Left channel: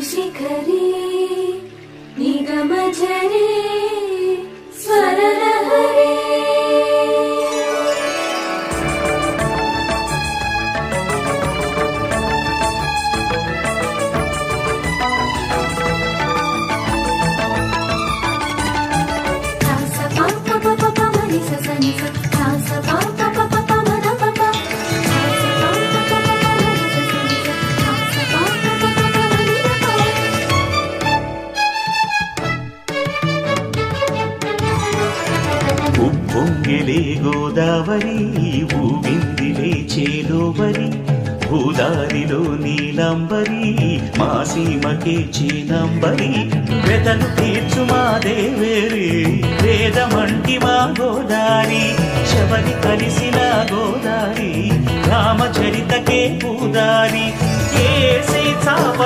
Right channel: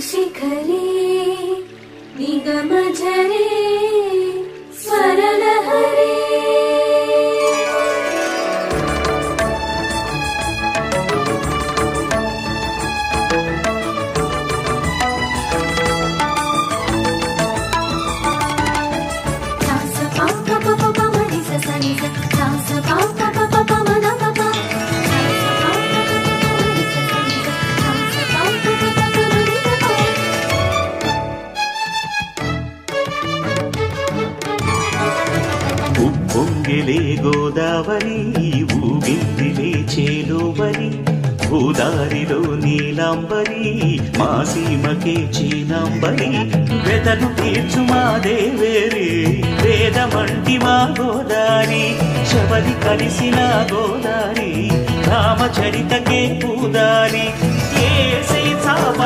शिखरे निगमझरे स्वरलहरे ఉప్పొంగిలే గోదావరి ఊగిందిలే చేలోబరి భూదారిలో నీలాంబరి మా సీమకే చీనాంబరి వెతలు తీర్చు మా దేవేరి వేదమంటి మా గోదారి శబరి కలిసిన గోదారి రామచరితకే పూదారి ఏసి చాప